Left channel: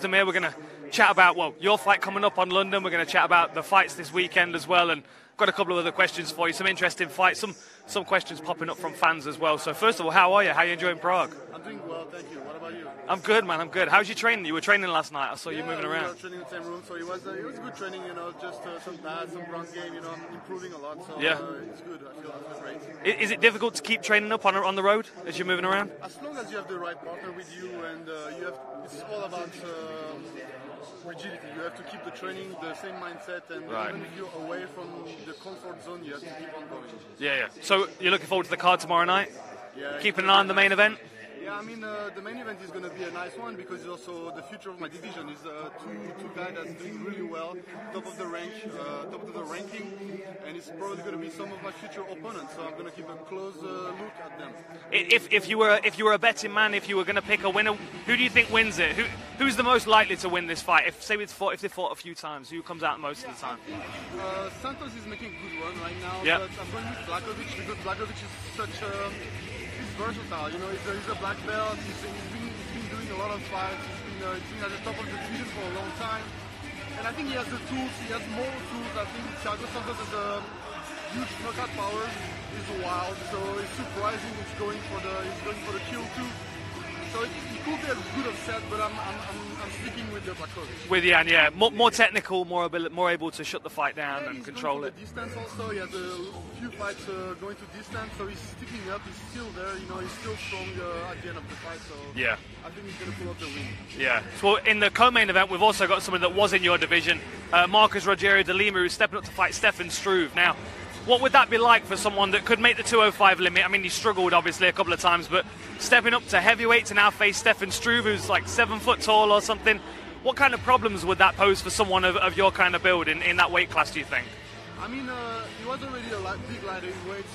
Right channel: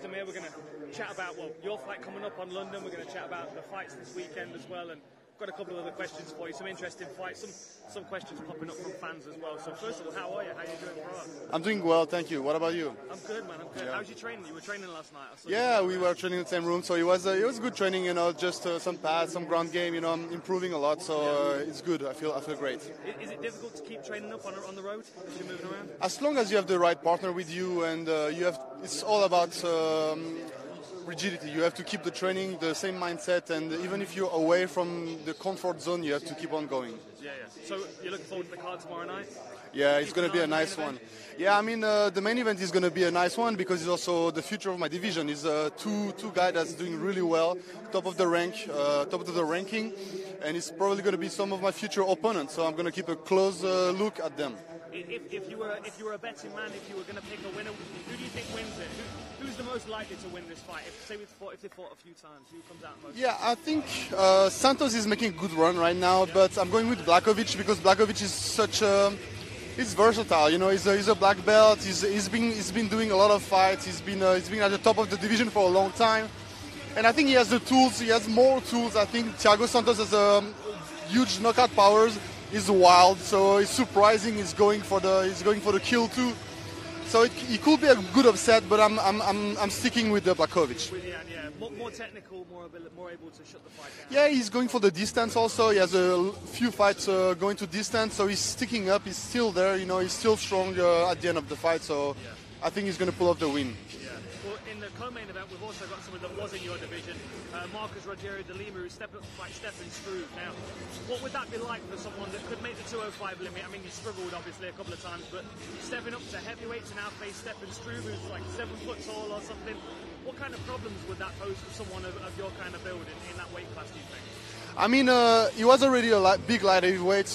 Oezdemir. We're going to chat about, well, your fight coming up on London. We're going to chat about the fights this weekend as well, and got a couple of other questions for you, some interesting fights, some questions popping up from fans as well. So first of all, how are you? How are you enjoying Prague? I'm doing well, thank you. What about you? I'm good, man. I'm good. How's your training? You were training last night. I saw you moving around. Yeah, we were training in the same room, so it was good training. You know, just some pads, some ground game. You know, I'm improving a lot, so it's good. I feel great. Is it difficult to keep training up on the road as you're moving around? As long as you have the right partner with you, and it's all about rigidity. You have to keep the training, the same mindset, and even if you're away from the comfort zone, you have to keep on going. Yeah. So you're looking forward to the card tomorrow night? Yeah. Keeping an eye on the main event? Yeah, I mean, the main event is going to be a nice one because it's also the future of my division. It's two guys that's doing really well, top of the ranking, and it's probably going to be some of my future opponents. So I'm going to keep a close look at them. If you were a betting man, if you were going to pick a winner, who do you think wins it? Who's the most likely to win this fight? If they fought a few times, who comes out most? Yeah, I think Santos is making a good run right now, but I'm going with Blachowicz because Blachowicz is such a he's versatile, you know. He's a black belt. He's been doing a lot of fights. He's been at the top of the division for a long time, and I think he has the tools. He has more tools. I think Thiago Santos has a huge knockout powers. He's wild, so it's surprising. He's going for the kill too. So it could be a good upset, but I'm sticking with the Blachowicz. With Jan, yeah, more technical, more able to shut the fight down. Yeah, he's going for the distance also. He has a few fights going to distance, so he's sticking up. He's still there, you know. He's still strong at the end of the fight. So yeah, I think he's going to pull off the win. Yeah. So in the co-main event, we've also got someone that was in your division, Marcos Rogerio de Lima, who's stepping up to fight Stefan Struve. Now, what would that be like for someone that could make the 205 limit? I mean, he struggled, obviously, a couple of times, but stepping up to heavyweight to now face Stefan Struve, who's like 7 foot tall or something, what kind of problems would that pose for someone of your kind of build in that weight class, do you think? I mean, he was already a big light heavyweight.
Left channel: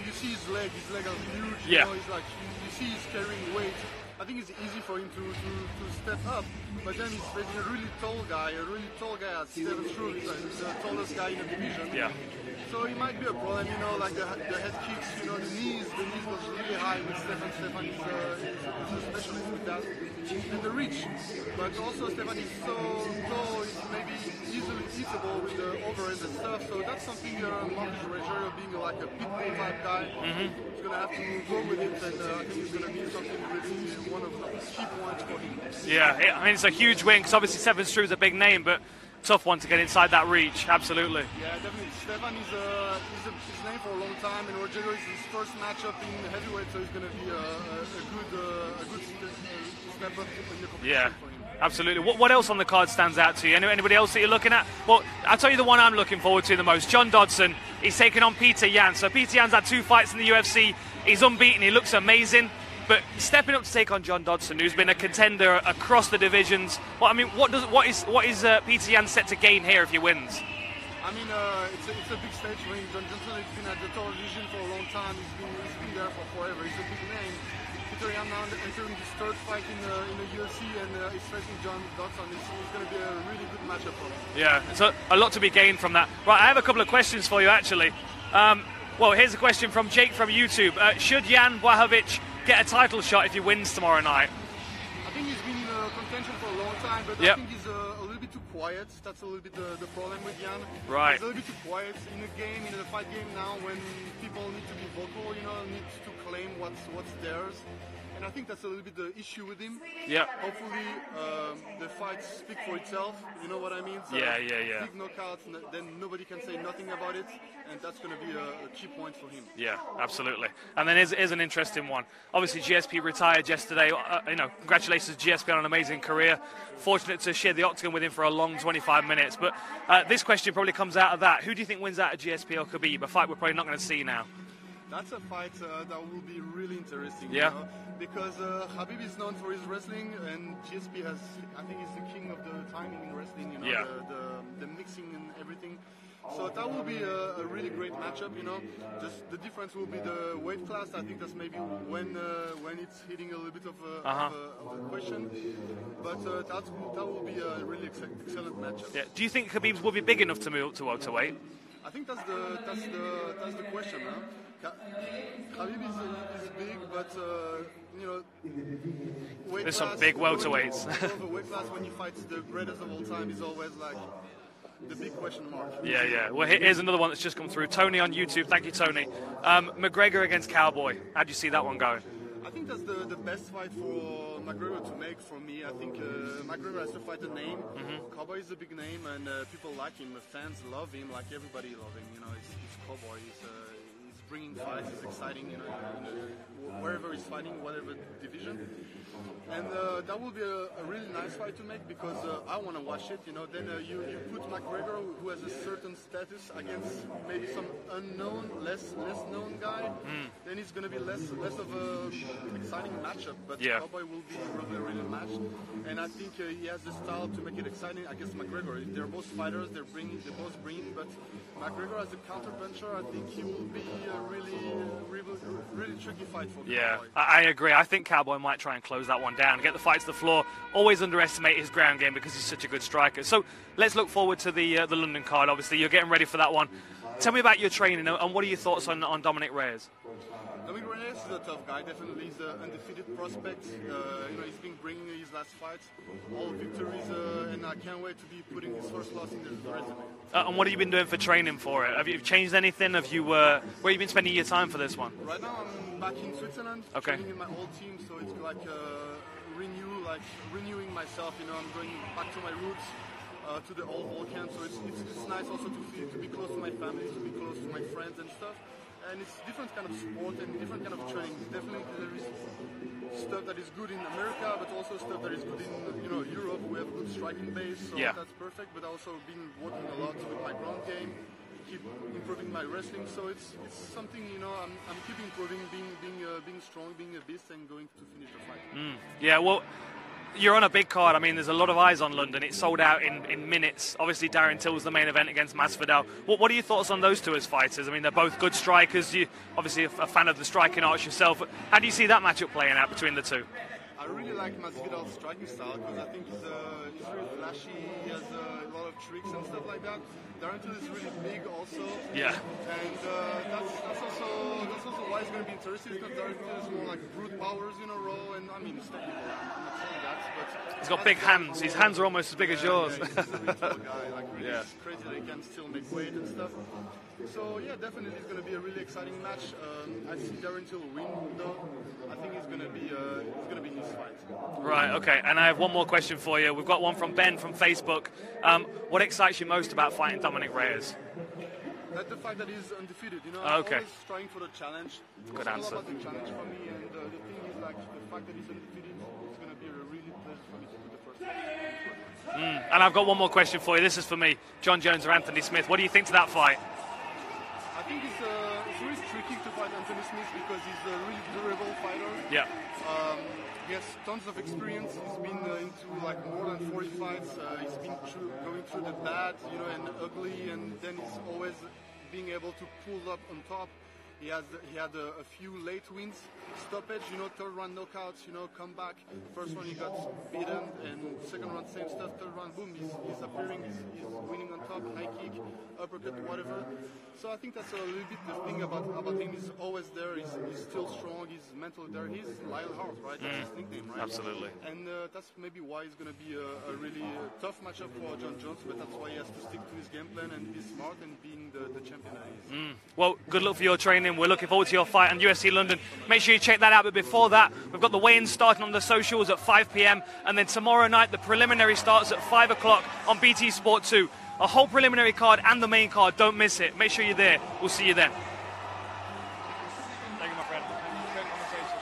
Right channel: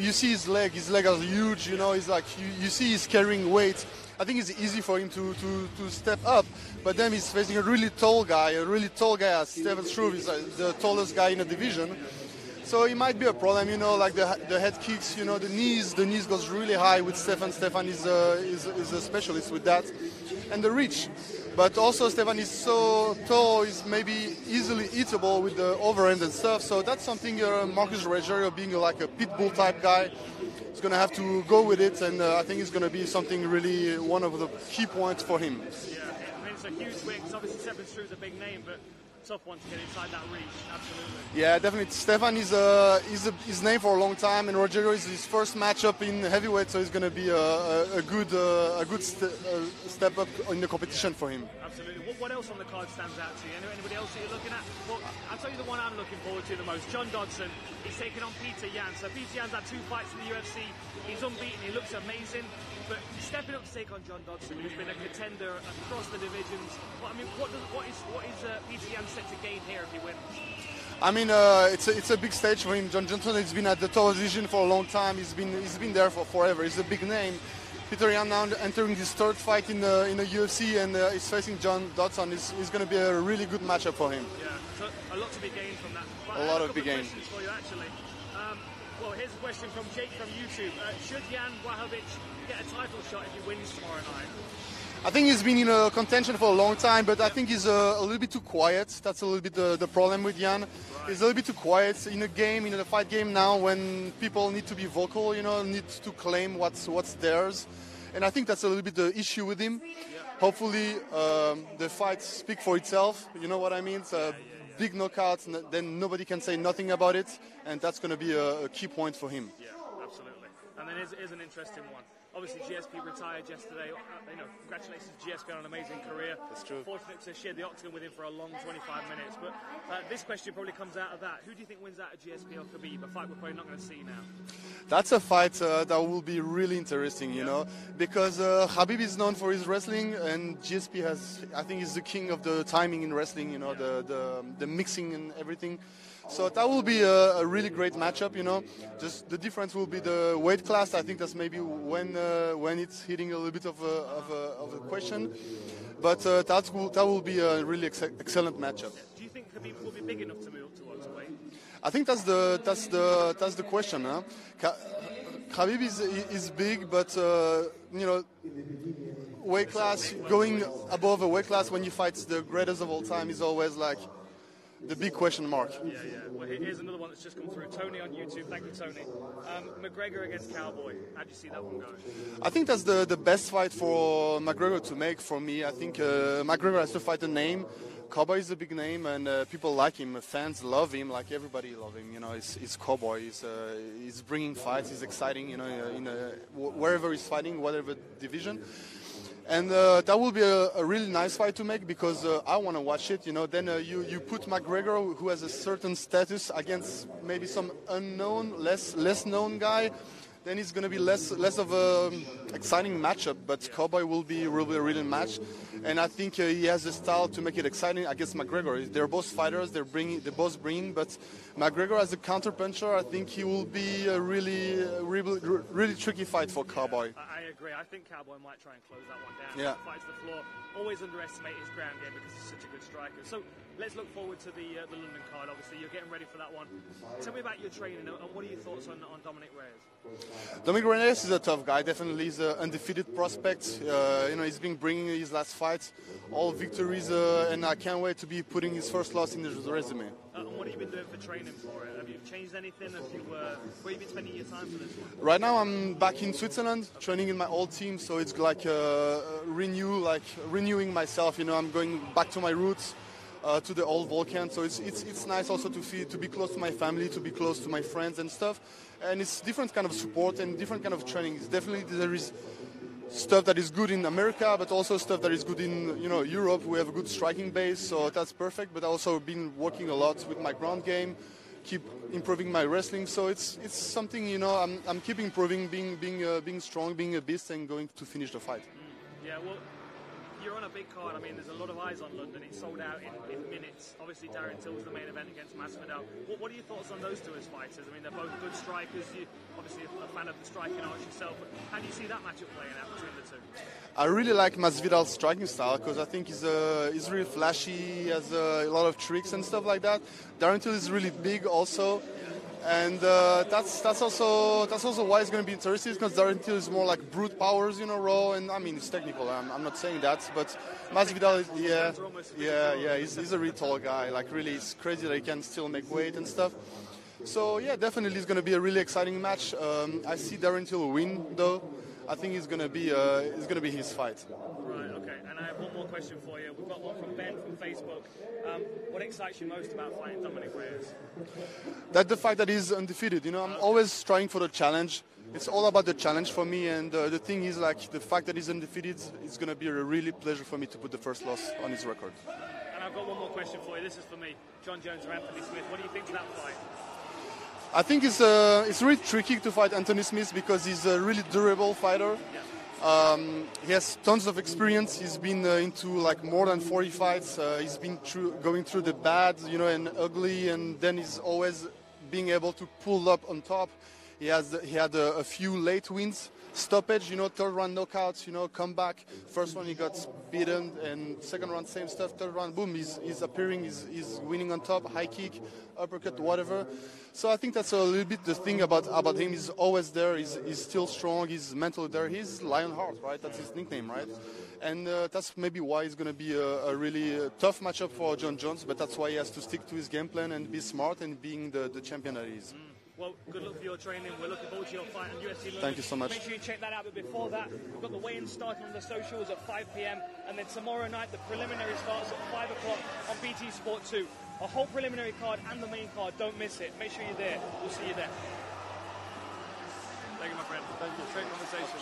You see his leg are huge, you know, he's like, you see he's carrying weight. I think it's easy for him to step up, but then he's facing a really tall guy as Stefan Struve is the tallest guy in the division. Yeah. So it might be a problem, you know, like the head kicks, you know, the knees goes really high with Stefan. Stefan is a specialist with that, and the reach. But also Stefan is so tall, he's maybe easily eatable with the overhand and stuff. So that's something Marcos Rogerio, being like a pitbull type guy, is going to have to go with it, and I think it's going to be something really one of the key points for him. Yeah, I mean, it's a huge win because obviously Stefan Struve's a big name, but tough one to get inside that reach, absolutely. Yeah, definitely. Stefan is his name for a long time, and Rogerio is his first matchup in heavyweight, so it's going to be a good step up in the competition for him. Absolutely. What else on the card stands out to you? Anybody else that you're looking at? Well, I'll tell you the one I'm looking forward to the most. John Dodson, he's taking on Peter Yan. So Peter Yan's had 2 fights in the UFC. He's unbeaten. He looks amazing. But stepping up to take on John Dodson, who's been a contender across the divisions, well, I mean, what is Peter Yan set to gain here if he wins? I mean, it's a big stage for him. John Dodson has been at the top division for a long time. He's been there for forever. He's a big name. Peter Yan now entering his 3rd fight in the UFC, and he's facing John Dodson. It's going to be a really good matchup for him. Yeah, so a lot to be gained from that. Right, I have a couple of questions for you actually. Well, here's a question from Jake from YouTube. Should Jan Blachowicz get a title shot if he wins tomorrow night? I think he's been in a contention for a long time, but I think he's a little bit too quiet. That's a little bit the problem with Jan. Right. He's a little bit too quiet in a fight game now when people need to be vocal, you know, need to claim what's theirs. And I think that's a little bit the issue with him. Yeah. Hopefully, the fight speaks for itself. You know what I mean? So big knockouts, then nobody can say nothing about it, and that's going to be a key point for him. Yeah, absolutely. And then here's an interesting one. Obviously, GSP retired yesterday. You know, congratulations to GSP on an amazing career. Fortunate to share the octagon with him for a long 25 minutes. But this question probably comes out of that. Who do you think wins out of GSP or Khabib? A fight we're probably not going to see now. That's a fight that will be really interesting, you know, because Khabib is known for his wrestling, and GSP I think he's the king of the timing in wrestling, you know, the mixing and everything. So that will be a really great matchup, you know. Just the difference will be the weight class. I think that's maybe when it's hitting a little bit of a question. But that will be a really excellent matchup. Yeah. Do you think Khabib will be big enough to move to welterweight? I think that's the question. Huh? Khabib is big, but you know, weight There's class, some big going welterweights. above a weight class when you fight the greatest of all time is always like the big question mark. Yeah, yeah. Well, here's another one that's just come through. Tony on YouTube. Thank you, Tony. McGregor against Cowboy. How do you see that one going? I think that's the best fight for McGregor to make for me. I think McGregor has to fight a name. Cowboy is a big name, and people like him. Fans love him, like everybody love him. You know, he's Cowboy. He's bringing fights. He's exciting. You know, wherever he's fighting, whatever division. And that will be a really nice fight to make because I want to watch it. You know, then you put McGregor, who has a certain status, against maybe some unknown, less known guy. Then it's going to be less of a exciting matchup. But Yeah. Cowboy will be a really match, and I think he has the style to make it exciting against McGregor. They're both fighters. They're both bringing, but McGregor as a counter puncher, I think he will be a really tricky fight for Cowboy. I agree. I think Cowboy might try and close that one down, get the fight to the floor. Always underestimate his ground game because he's such a good striker. So let's look forward to the London card. Obviously, you're getting ready for that one. Tell me about your training and what are your thoughts on Dominic Reyes? Dominic Reyes is a tough guy. Definitely, he's an undefeated prospect. You know, he's been bringing his last fights, all victories, and I can't wait to be putting his first loss in his resume. And what have you been doing for training for it? Have you changed anything? Have you where have you been spending your time for this one? Right now, I'm back in Switzerland, training in my old team. So it's like renewing myself. You know, I'm going back to my roots. To the old Volkan, so it's nice also to be close to my family, to be close to my friends and stuff, and it's different kind of support and different kind of training. It's definitely there is stuff that is good in America, but also stuff that is good in Europe. We have a good striking base, so that's perfect. But I also been working a lot with my ground game, keep improving my wrestling. So it's something I'm keep improving, being strong, being a beast, and going to finish the fight. Yeah, well. You're on a big card. I mean, there's a lot of eyes on London. It's sold out in minutes. Obviously, Darren Till's the main event against Masvidal. What are your thoughts on those two as fighters? I mean, they're both good strikers. You obviously a fan of the striking arts yourself. How do you see that matchup playing out between the two? I really like Masvidal's striking style because I think he's really flashy. He has a lot of tricks and stuff like that. Darren Till is really big also. Yeah. And that's also why it's going to be interesting because Darren Till is more like brute powers, raw. And I mean, it's technical. I'm not saying that, but he's got big hands. His hands are almost as big as yours. Yeah, he's a really tall guy. Like really, it's crazy that he can still make weight and stuff. So yeah, definitely it's going to be a really exciting match. I see Darren Till win though. I think it's going to be his fight. Right. Okay. And I have one more question for you. We've got one from Ben from Facebook. What excites you most about fighting Dominic Reyes? That the fact that he's undefeated. I'm always trying for the challenge. It's all about the challenge for me. And the thing is, like, the fact that he's undefeated, it's going to be a really pleasure for me to put the first loss on his record. And I've got one more question for you. This is for me. John Jones or Anthony Smith. What do you think to that fight? I think it's really tricky to fight Anthony Smith because he's a really durable fighter. Yeah. He has tons of experience. He's been into like more than 40 fights. He's been going through the bad, and ugly, and then he's always being able to pull up on top. He had a few late wins, stoppage, third round knockouts, comeback. First round he got beaten, and second round same stuff. Third round, boom, he's appearing, he's winning on top, high kick, uppercut, whatever. So I think that's a little bit the thing about him. He's always there. He's still strong. He's mentally there. He's Lionheart, right? That's his nickname, right? Absolutely. And that's maybe why it's going to be a really tough matchup for John Jones. But that's why he has to stick to his game plan and be smart and being the champion that he is. Well, good luck for your training. We're looking forward to your fight on UFC London. Thank you so much. Make sure you check that out. But before that, we've got the weigh-in starting on the socials at 5 p.m. And then tomorrow night, the preliminary starts at 5 o'clock on BT Sport 2. A whole preliminary card and the main card. Don't miss it. Make sure you're there. We'll see you then. Thank you, my friend. Great conversation.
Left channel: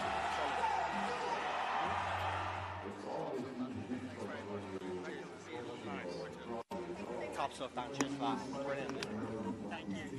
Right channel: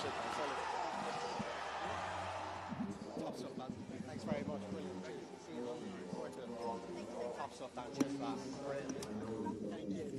Top stuff, Dan. Cheers for that. Brilliant. Thank you.